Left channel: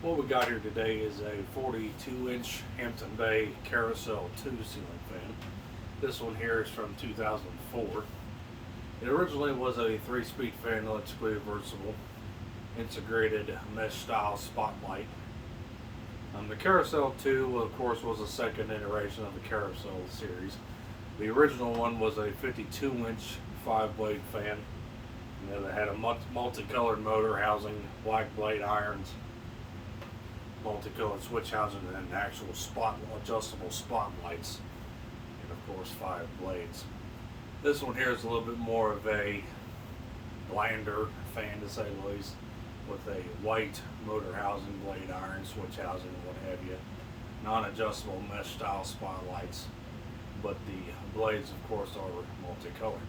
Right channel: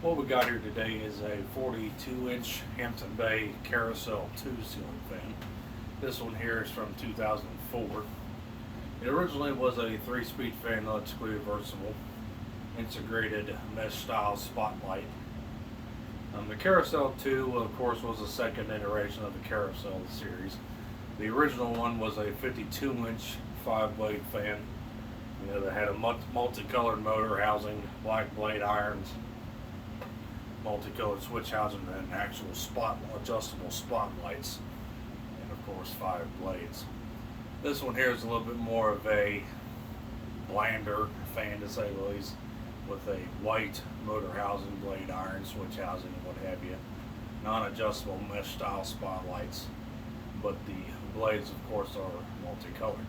What we got here today is a 42-inch Hampton Bay Carousel II ceiling fan. This one here is from 2004. It originally was a 3-speed fan, electrically reversible, integrated mesh style spotlight. The Carousel 2, of course, was the second iteration of the Carousel series. The original one was a 52-inch 5-blade fan. That had a multicolored motor housing, black blade irons, multicolored switch housing, and actual adjustable spotlights, and of course 5 blades. This one here is a little bit more of a blander fan, to say the least, with a white motor housing, blade iron, switch housing, and what have you. Non-adjustable mesh style spotlights, but the blades of course are multicolored.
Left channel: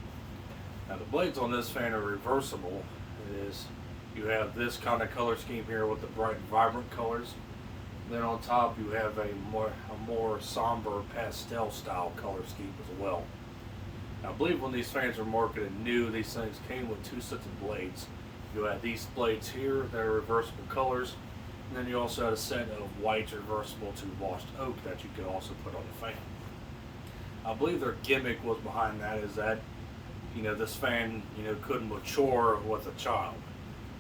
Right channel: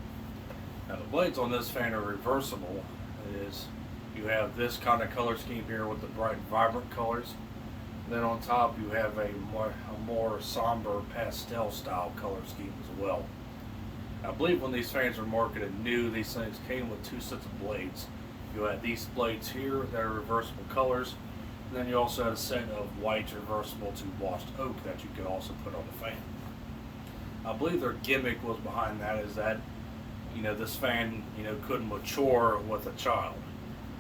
Now the blades on this fan are reversible. It is, you have this kind of color scheme here with the bright vibrant colors. And then on top you have a more somber pastel style color scheme as well. I believe when these fans were marketed new, these things came with 2 sets of blades. You had these blades here that are reversible colors, and then you also had a set of white reversible to washed oak that you could also put on the fan. I believe their gimmick was behind that is that this fan could mature with a child.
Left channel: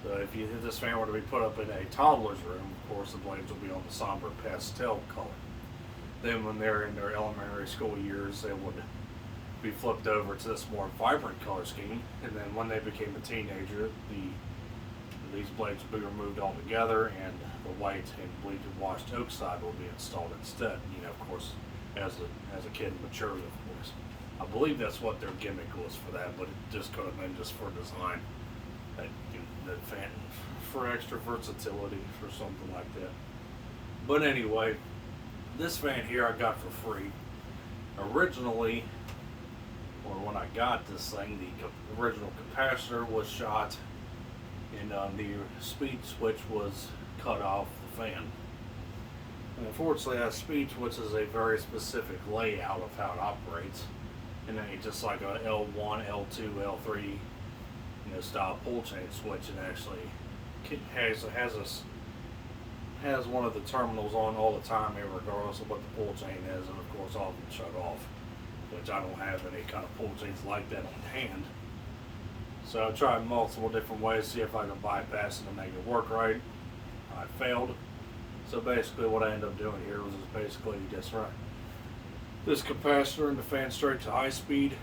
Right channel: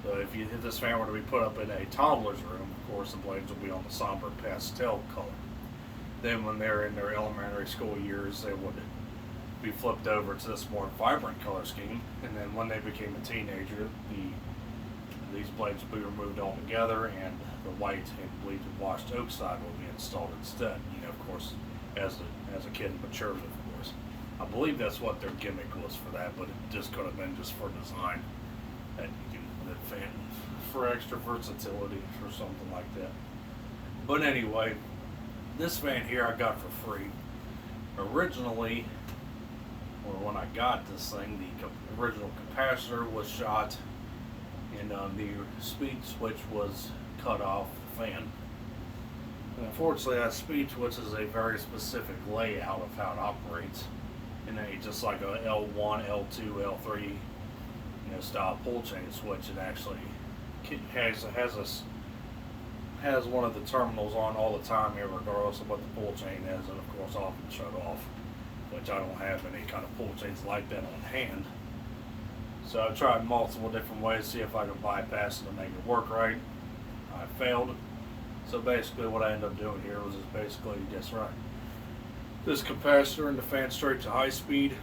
So if this fan were to be put up in a toddler's room, of course the blades will be on the somber pastel color. Then when they're in their elementary school years, they would be flipped over to this more vibrant color scheme, and then when they became a teenager, these blades will be removed altogether, and the white and bleeded washed oak side will be installed instead. Of course, as a kid matures, of course. I believe that's what their gimmick was for that, but it just could have been just for design, that fan for extra versatility or something like that. But anyway, this fan here I got for free. Originally, or when I got this thing, the original capacitor was shot, and the speed switch was cut off the fan. And unfortunately, that speed switch is a very specific layout of how it operates. And then just like a L1, L2, L3, style pull chain switch, it actually has one of the terminals on all the time here, regardless of what the pull chain is, and of course often shut off, which I don't have any kind of pull chains like that on hand. So I've tried multiple different ways to see if I can bypass it and make it work right. I failed. So basically what I ended up doing here was basically just run this capacitor in the fan straight to high speed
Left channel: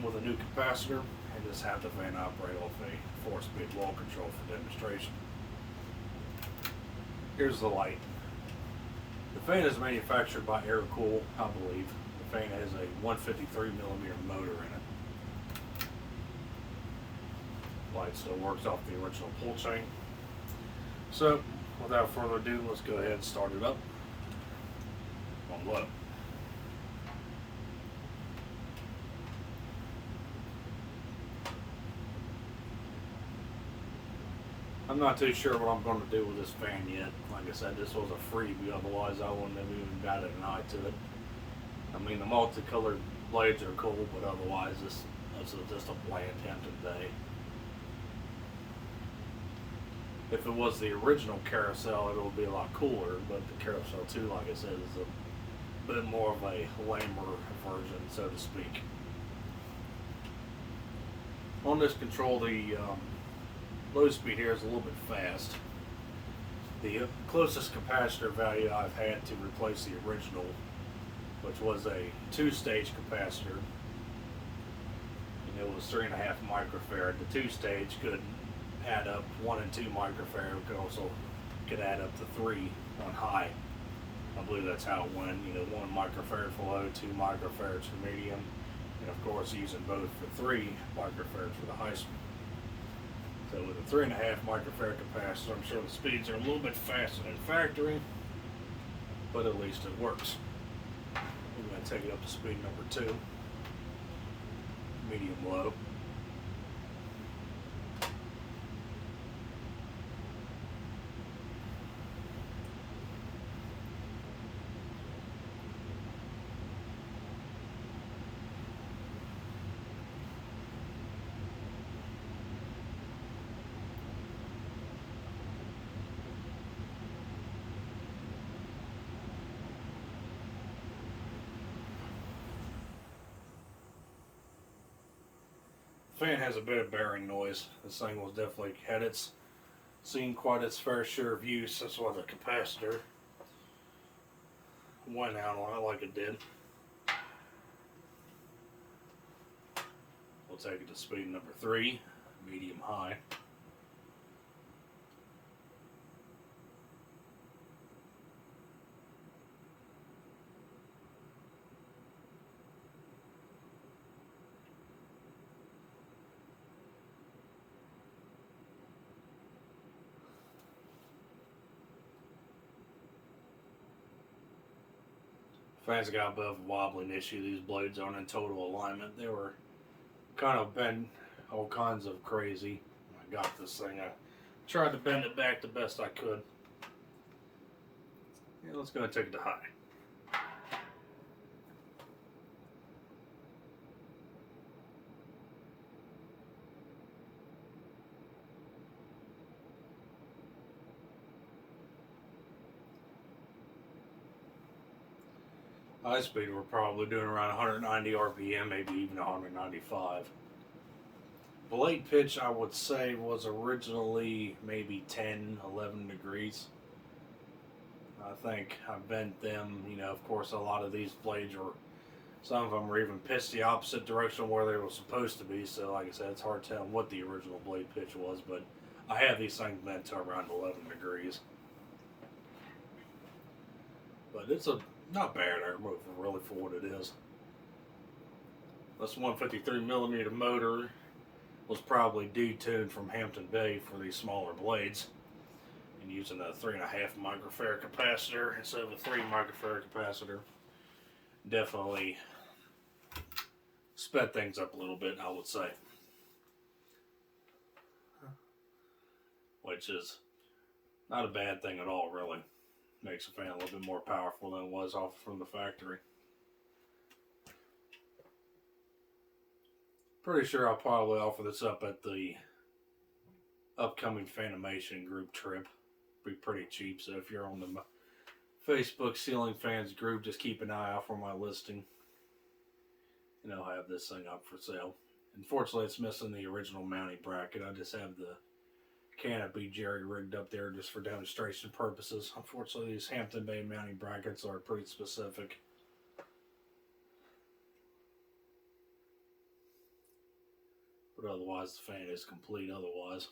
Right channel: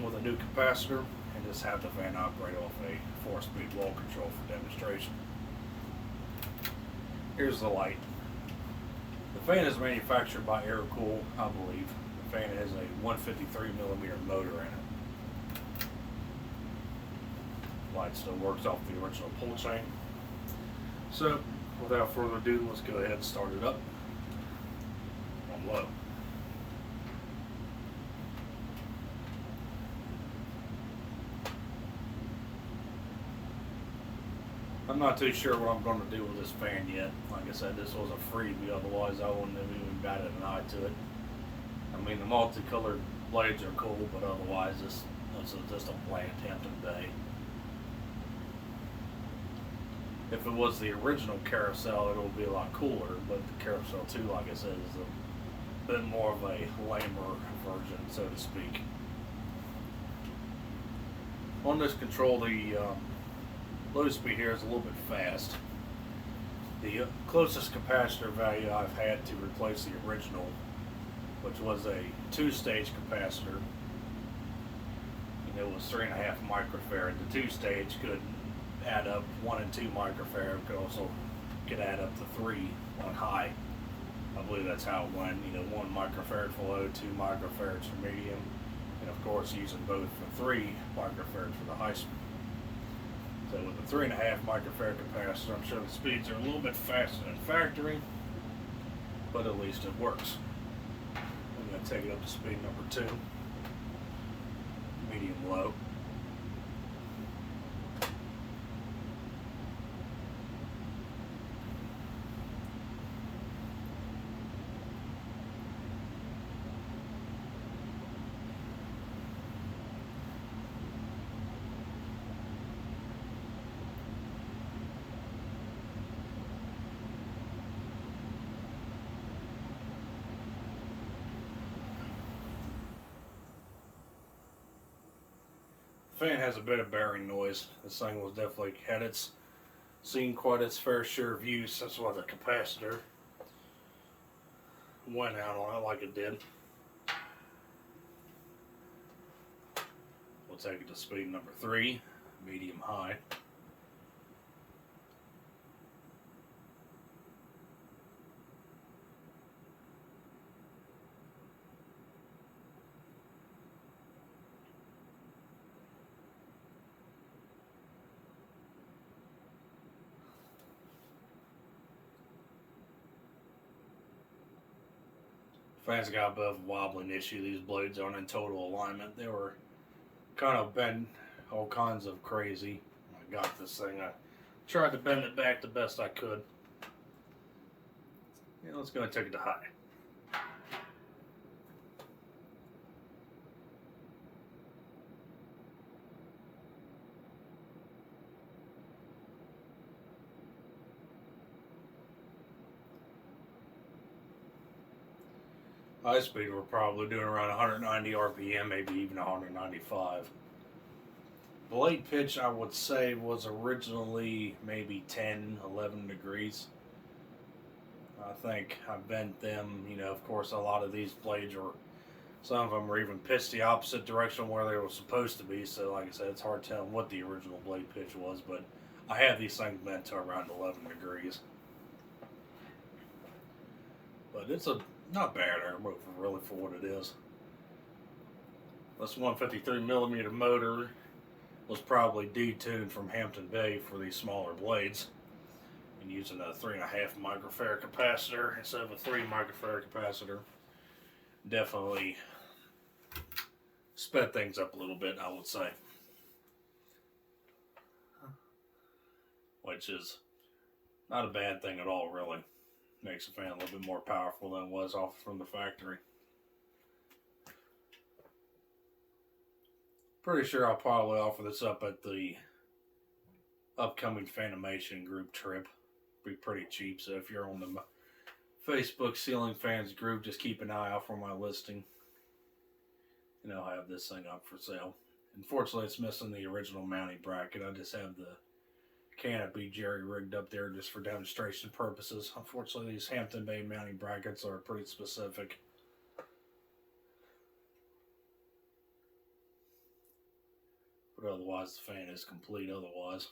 with a new capacitor, and just have the fan operate off a 4-speed wall control for demonstration. Here's the light. The fan is manufactured by Air-Cool, I believe. The fan has a 153mm motor in it. Light still works off the original pull chain. So without further ado, let's go ahead and start it up on low. I'm not too sure what I'm going to do with this fan yet. Like I said, this was a freebie, otherwise I wouldn't have even batted an eye to it. I mean, the multicolored blades are cool, but otherwise this is just a bland Hampton Bay. If it was the original Carousel, it would be a lot cooler, but the Carousel 2, like I said, is a bit more of a lamer version, so to speak. On this control, the low speed here is a little bit fast. The closest capacitor value I've had to replace the original, which was a 2-stage capacitor, it was 3.5 microfarad. The 2-stage could add up 1 and 2 microfarad, could add up to 3 on high. I believe that's how it went. 1 microfarad for low, 2 microfarads for medium, and of course using both for 3 microfarads for the high speed. So with a 3.5 microfarad capacitor, I'm sure the speeds are a little bit faster than factory, but at least it works. I'm going to take it up to speed number 2, medium low. Fan has a bit of bearing noise. This thing was definitely seen quite its fair share of use. That's why the capacitor went out on it like it did. We'll take it to speed number 3, medium high. Fans got a bit of a wobbling issue. These blades aren't in total alignment. They were kind of bent all kinds of crazy. I got this thing. I tried to bend it back the best I could. Yeah, let's go and take it to high. High speed, we're probably doing around 190 RPM, maybe even 195. Blade pitch, I would say, was originally maybe 10, 11 degrees. I think I bent them, of course, a lot of these blades were, some of them were even pitched the opposite direction where they were supposed to be. So, like I said, it's hard telling what the original blade pitch was, but I have these things bent to around 11 degrees. But it's not bad air motor really for what it is. This 153mm motor was probably detuned from Hampton Bay for these smaller blades, and using a 3.5 microfarad capacitor instead of a 3 microfarad capacitor definitely sped things up a little bit, I would say, which is not a bad thing at all, really. Makes the fan a little bit more powerful than it was off from the factory. Pretty sure I'll probably offer this up at the upcoming Fanimation group trip. Be pretty cheap, so if you're on the Facebook Ceiling Fans group, just keep an eye out for my listing. And I'll have this thing up for sale. Unfortunately, it's missing the original mounting bracket. I just have the canopy jerry-rigged up there just for demonstration purposes. Unfortunately, these Hampton Bay mounting brackets are pretty specific. But otherwise, the fan is complete otherwise.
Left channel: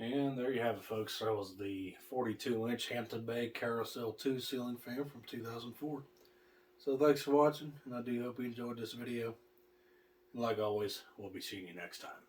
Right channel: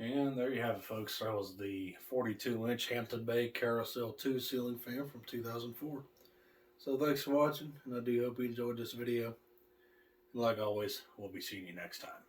And there you have it, folks. That was the 42-inch Hampton Bay Carousel II ceiling fan from 2004. So thanks for watching, and I do hope you enjoyed this video. And like always, we'll be seeing you next time.